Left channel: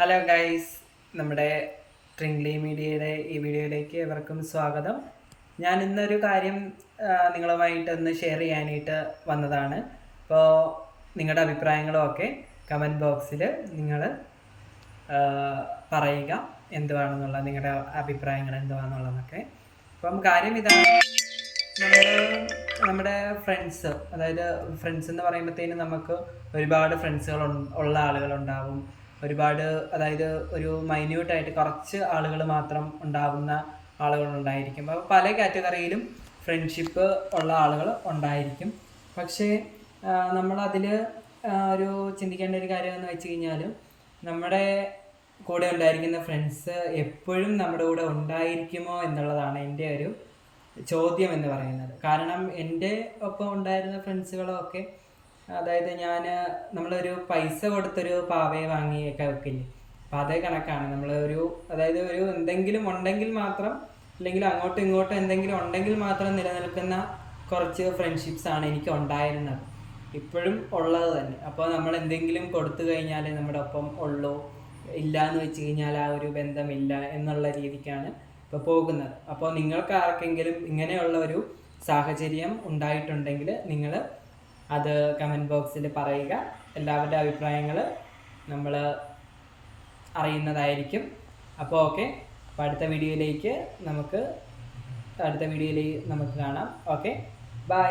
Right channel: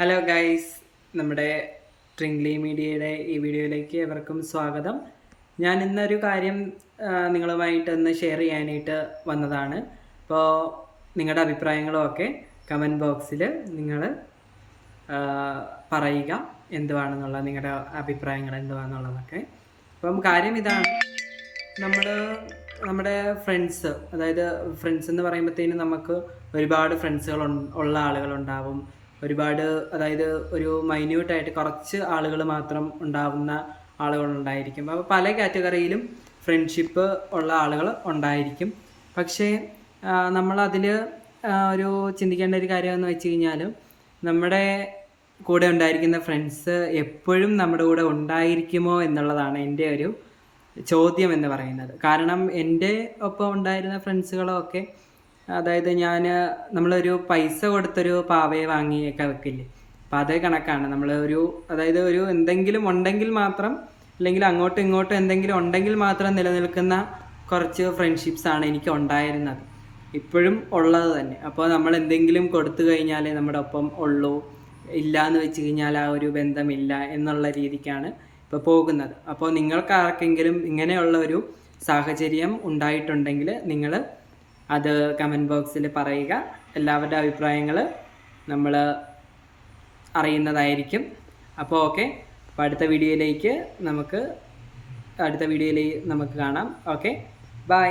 Hello guys, നമ്മുടെ ട്രിംഗ്ലി മീഡിയയുടെ ഈ വീഡിയോയിലേക്ക് എവർക്കും സ്വാഗതം. ഞാൻ ഇന്നൊരു കാര്യം നിങ്ങളുമായിട്ടൊന്ന് ഷെയർ ചെയ്യാനായിട്ട് വന്നതാണ്. അപ്പോൾ നിങ്ങളുടെ അഭിപ്രായങ്ങളും ഒക്കെ കമൻറ്റ് ബോക്സിൽ നിങ്ങൾ പറയുക, എന്തുവാണെന്നുള്ള നിങ്ങളുടെ അഭിപ്രായങ്ങൾ എന്തുവാണെന്നുള്ളതൊക്കെ. അപ്പം കാര്യം ഇതാണ്, നമ്മുടെ ഫ്രണ്ട്സ്, അതായത് ഫ്രണ്ട്സ് എന്ന് പറയുമ്പോഴത്തേനും നമുക്ക് ഒരുപാട് ഫ്രണ്ട്സുകൾ ഉള്ള ആളുകളുണ്ടാവും. ഒരുപാട്, അതായത് ഒരു മൈന്യൂട്ടായിട്ട് കുറച്ച് ആളുകൾ മാത്രം ഉണ്ടാവുന്ന ആളുകളുണ്ടായിരിക്കും. അപ്പോൾ പല കാറ്റഗറിയിലും ഫ്രണ്ട്ഷിപ്പ് ഉള്ള ആളുകൾ ഉണ്ടായിരിക്കും. പക്ഷേ നമ്മളതിൽ ഒരു ചിന്തിക്കേണ്ട ഒരു കാര്യമെന്ന് വെച്ച് കഴിഞ്ഞാൽ, നമ്മുടെ കൂടെ ഉണ്ടായിരിക്കുന്ന ഫ്രണ്ട്സ് എപ്പോഴും നമ്മുടെ കൂടെ ഉണ്ടായിരിക്കുമോ എന്നുള്ളതാണ് എൻ്റെ ഒരു ചോദ്യം എന്ന് പറയുന്നത്. കാരണം എൻ്റെ ഒപ്പം ഉണ്ടായിരുന്ന ഫ്രണ്ട്സുകളൊക്കെ, അതായത് നമ്മളൊരു പൈസ കൊടുത്തൊരു പാവയെ വാങ്ങിയൊക്കെ വെക്കില്ലേ, അപ്പം അതേ കണക്കാണ്. അതായത് ഒരു എന്തെങ്കിലും ഉണ്ടെങ്കിൽ മാത്രം, അല്ലെങ്കിൽ അങ്ങോട്ടും ഇങ്ങോട്ടും എന്തെങ്കിലും ഉണ്ടെങ്കിൽ മാത്രം നിലനിൽക്കുന്ന കുറച്ച് ഫ്രണ്ട്ഷിപ്സാണ് എനിക്ക് ഉണ്ടായിരുന്നത്, ഇപ്പോഴും ഉള്ളത് തന്നെ. അപ്പോൾ നമ്മൾ എന്തെങ്കിലും കൊടുത്തു കഴിഞ്ഞാൽ നമ്മുടെ ഒപ്പം ഉള്ളൂ, ഇല്ല എന്ന് വെച്ച് കഴിഞ്ഞാൽ ആ ഒരു ബന്ധമില്ല എന്നുള്ള രീതിക്കാണ് ഇപ്പോൾ പോകുന്നത്. അപ്പോൾ നിങ്ങൾക്ക് ആർക്കെങ്കിലും ഇങ്ങനെയുള്ള ഒരു സാഹചര്യം ഉണ്ടായിട്ടുണ്ടെങ്കിൽ നിങ്ങൾ അത് കമൻറ്റ് ബോക്സിൽ പറയുക. എല്ലാവരുടെ അഭിപ്രായങ്ങൾ നമ്മൾ അറിയുന്നതായിരിക്കും. അപ്പോൾ ഓക്കെ, അപ്പോൾ അടുത്ത വീഡിയോയിലേക്ക് നമുക്ക് കാണാം. Okay, by.